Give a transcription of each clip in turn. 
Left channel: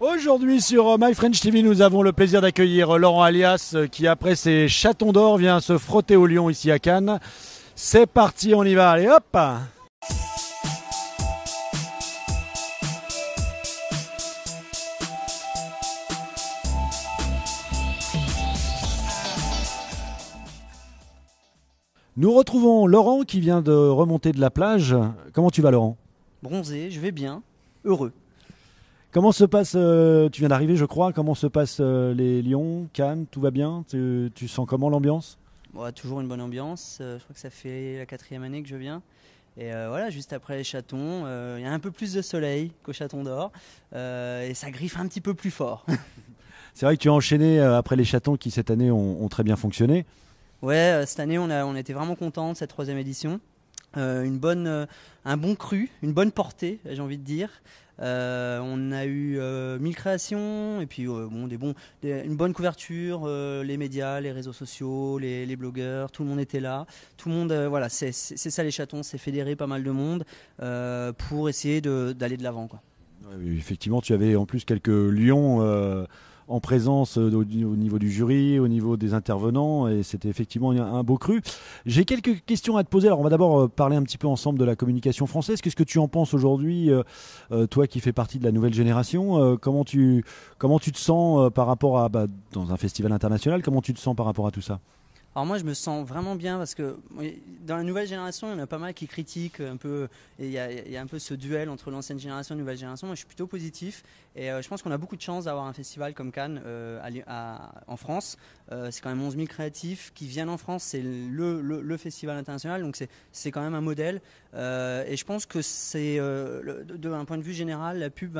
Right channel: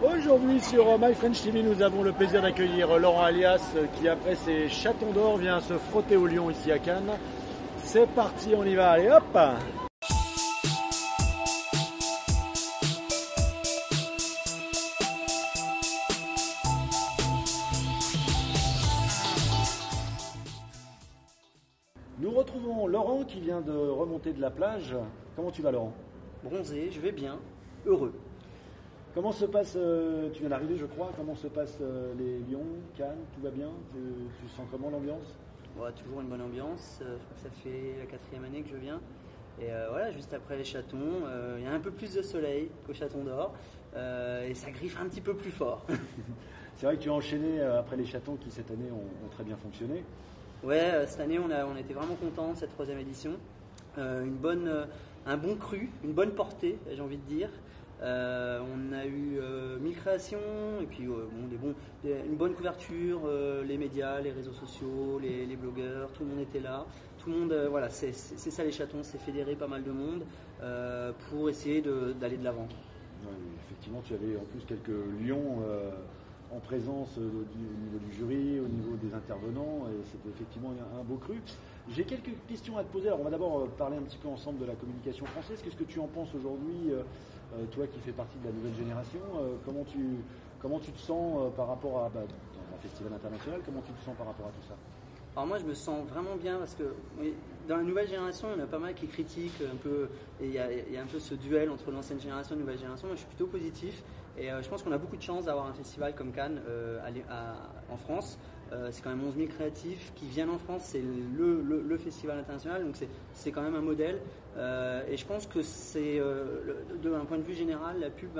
Aujourd'hui sur My French TV, nous avons le plaisir d'accueillir Laurent Alias qui, après ses chatons d'or, vient se frotter au lion ici à Cannes. C'est parti, on y va, allez hop! Nous retrouvons Laurent qui vient de remonter de la plage. Comment tu vas, Laurent? Bronzé, je vais bien, heureux. Comment se passe, tu viens d'arriver je crois, comment se passent les lions, Cannes, tout va bien? Tu sens comment l'ambiance? Bon, toujours une bonne ambiance, je crois que ça fait la 4e année que je viens. Et voilà, juste après les chatons, il y a un peu plus de soleil qu'au chaton d'or et ça griffe un petit peu plus fort. C'est vrai que tu as enchaîné après les chatons qui cette année ont très bien fonctionné. Ouais, cette année on était vraiment contents de cette 3e édition. Un bon cru, une bonne portée, j'ai envie de dire. On a eu 1000 créations et puis une bonne couverture, les médias, les réseaux sociaux, les blogueurs, tout le monde était là. Tout le monde, voilà, c'est ça les chatons, c'est fédérer pas mal de monde pour essayer d'aller de l'avant. Ouais, effectivement, tu avais en plus quelques lions en présence au niveau du jury, au niveau des intervenants, et c'était effectivement un beau cru. J'ai quelques questions à te poser. Alors on va d'abord parler un petit peu ensemble de la communication française. Qu'est-ce que tu en penses aujourd'hui, toi qui fais partie de la nouvelle génération, comment tu te sens par rapport à, dans un festival international, comment tu te sens par rapport à tout ça? Alors moi je me sens vraiment bien parce que oui, dans la nouvelle génération il y en a pas mal qui critiquent un peu, il y a un peu ce duel entre l'ancienne génération et la nouvelle génération. Moi je suis plutôt positif et je pense qu'on a beaucoup de chance d'avoir un festival comme Cannes en France. C'est quand même 11 000 créatifs qui viennent en France, c'est le festival international, donc c'est quand même un modèle et je pense que c'est d'un point de vue général la pub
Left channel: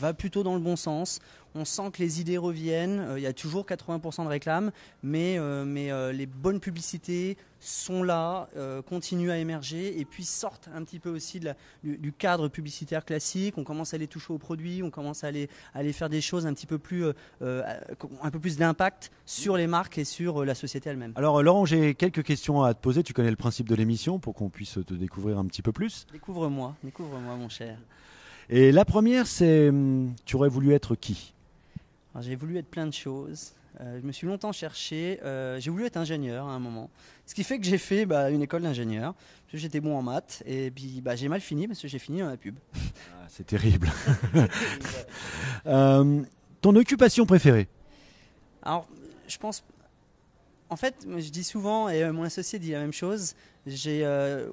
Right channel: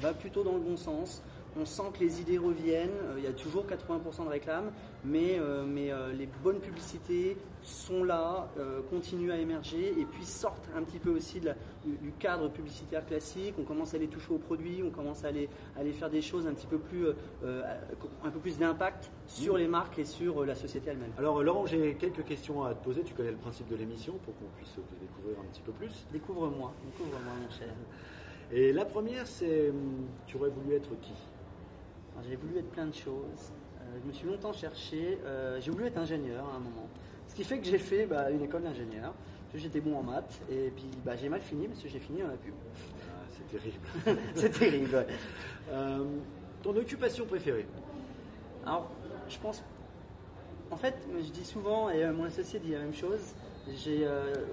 va plutôt dans le bon sens. On sent que les idées reviennent, il y a toujours 80% de réclames, mais les bonnes publicités sont là, continuent à émerger et puis sortent un petit peu aussi du cadre publicitaire classique. On commence à les toucher aux produits, on commence à aller faire des choses un peu plus d'impact sur les marques et sur la société elle-même. Alors Laurent, j'ai quelques questions à te poser. Tu connais le principe de l'émission pour qu'on puisse te découvrir un petit peu plus. Découvre-moi mon cher. Et la première, c'est tu aurais voulu être qui? J'ai voulu être plein de choses. Je me suis longtemps cherché. J'ai voulu être ingénieur à un moment. Ce qui fait que j'ai fait une école d'ingénieur. Parce que j'étais bon en maths. Et puis j'ai mal fini parce que j'ai fini dans la pub. Ah, c'est terrible. C'est terrible. Ouais. Ton occupation préférée? Alors, je pense. En fait, je dis souvent, et mon associé dit la même chose.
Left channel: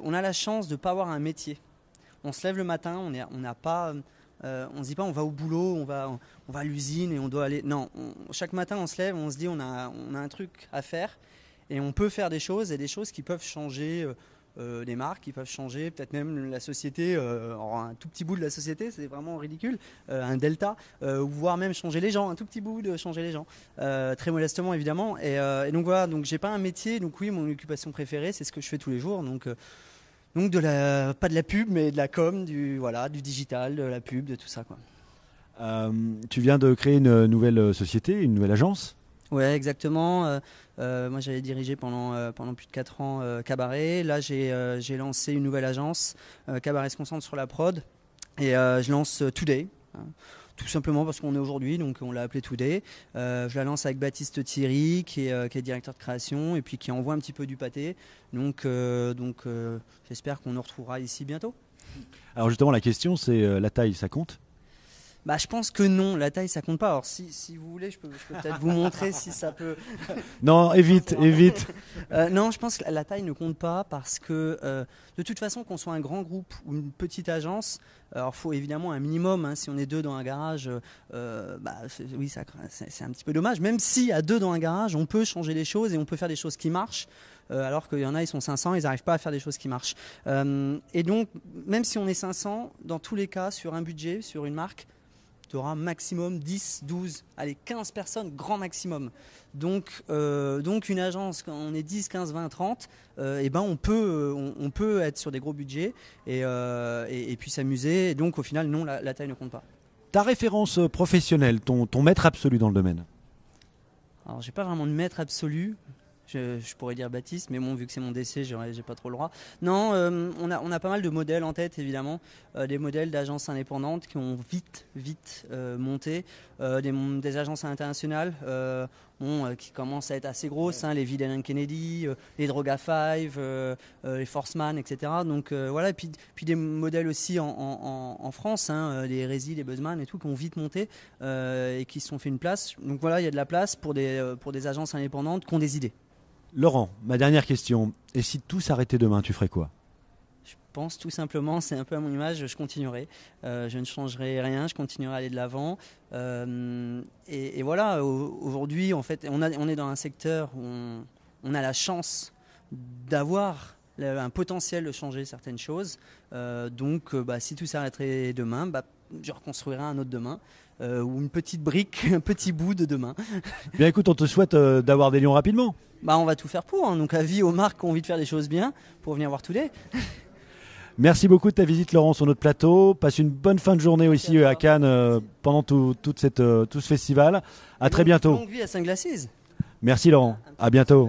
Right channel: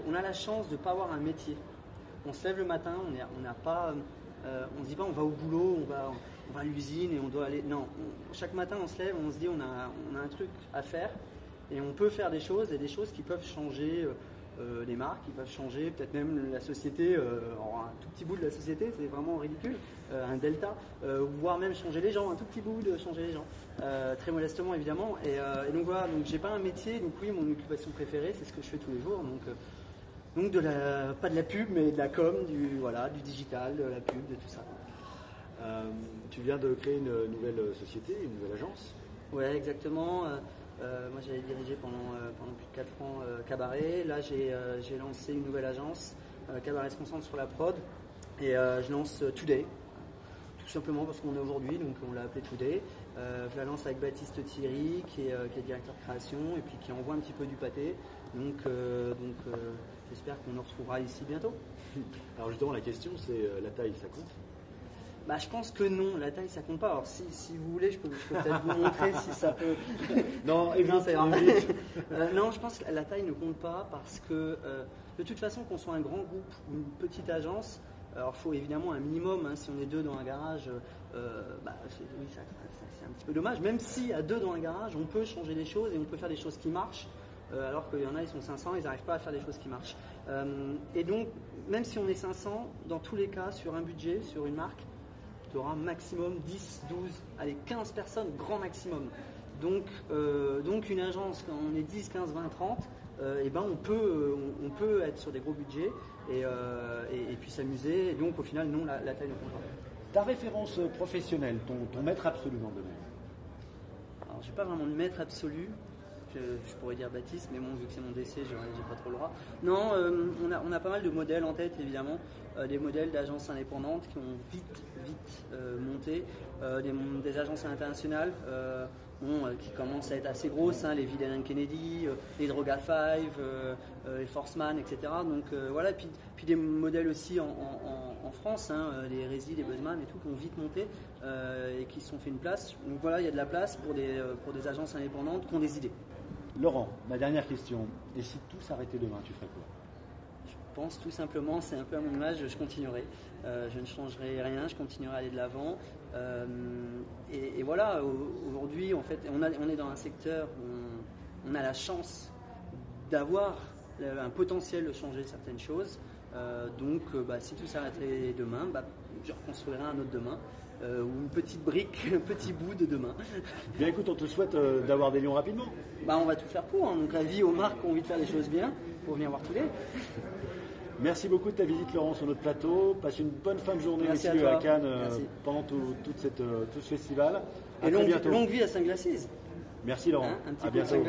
On a la chance de ne pas avoir un métier. On se lève le matin, on n'a pas. On ne se dit pas on va au boulot, on va à l'usine et on doit aller. Non, chaque matin on se lève, on se dit on a un truc à faire et on peut faire des choses et des choses qui peuvent changer les marques, qui peuvent changer peut-être même la société, un tout petit bout de la société, c'est vraiment ridicule, un delta, voire même changer les gens, un tout petit bout de changer les gens, très modestement évidemment. Et donc voilà, donc j'ai pas un métier, donc oui, mon occupation préférée c'est ce que je fais tous les jours, donc pas de la pub, mais de la com, du digital, de la pub, de tout ça, quoi. Tu viens de créer une nouvelle société, une nouvelle agence? Ouais, exactement. Moi, j'avais dirigé pendant plus de 4 ans Cabaret. Là, j'ai lancé une nouvelle agence. Cabaret se concentre sur la prod. Et je lance Today. Tout simplement parce qu'on est aujourd'hui, donc on l'a appelé Today. Je la lance avec Baptiste Thierry, qui est directeur de création, et puis qui envoie un petit peu du pâté. Donc j'espère qu'on nous retrouvera ici bientôt. Alors justement, la question, c'est la taille, ça compte? Je pense que non, la taille ça compte pas. Alors si vous voulez, je peux peut-être vous montrer si ça peut. Non, évite. Non, je pense que la taille ne compte pas parce que de toute façon, qu'on soit un grand groupe ou une petite agence, alors il faut évidemment un minimum. Si on est 2 dans un garage, oui, c'est un petit peu dommage. Même si à 2 dans un garage, on peut changer les choses et on peut faire des choses qui marchent. Alors qu'il y en a, ils sont 500, ils n'arrivent pas à faire des choses qui marchent. Et donc, même si on est 500, dans tous les cas, sur un budget, sur une marque, tu auras maximum 10, 12, allez 15 personnes, grand maximum. Donc une agence, quand on est 10, 15, 20, 30, on peut être sur des gros budgets et puis s'amuser. Et donc au final, non, la taille ne compte pas. Ta référence professionnelle, ton maître absolu dans le domaine? Alors j'ai pas vraiment de maître absolu. Je pourrais dire Baptiste, mais bon, vu que c'est mon décès, j'ai pas trop le droit. Non, on a pas mal de modèles en tête, évidemment. Des modèles d'agences indépendantes qui ont vite monté. Des agences internationales qui commencent à être assez grosses, hein, les Vill Kennedy, les Droga 5, les Forceman, etc. Donc voilà, et puis des modèles aussi en France, hein, les Resi, les Buzzman et tout, qui ont vite monté et qui se sont fait une place. Donc voilà, il y a de la place pour des agences indépendantes qui ont des idées. Laurent, ma dernière question. Et si tout s'arrêtait demain, tu ferais quoi? Je pense tout simplement, c'est un peu à mon image, je continuerai. Je ne changerai rien, je continuerai à aller de l'avant. Et voilà, aujourd'hui, en fait, on est dans un secteur où on a la chance d'avoir un potentiel de changer certaines choses. Donc, si tout s'arrêterait demain, je reconstruirai un autre demain. Ou une petite brique, un petit bout de demain. Bien écoute, on te souhaite d'avoir des lions rapidement. On va tout faire pour. Hein. Donc avis aux marques qui ont envie de faire les choses bien pour venir voir Today. Merci beaucoup de ta visite, Laurent, sur notre plateau. Passe une bonne fin de journée. Merci aussi à Cannes pendant tout ce festival. À très bientôt. Longue vie à Sunglasses. Merci Laurent. À bientôt.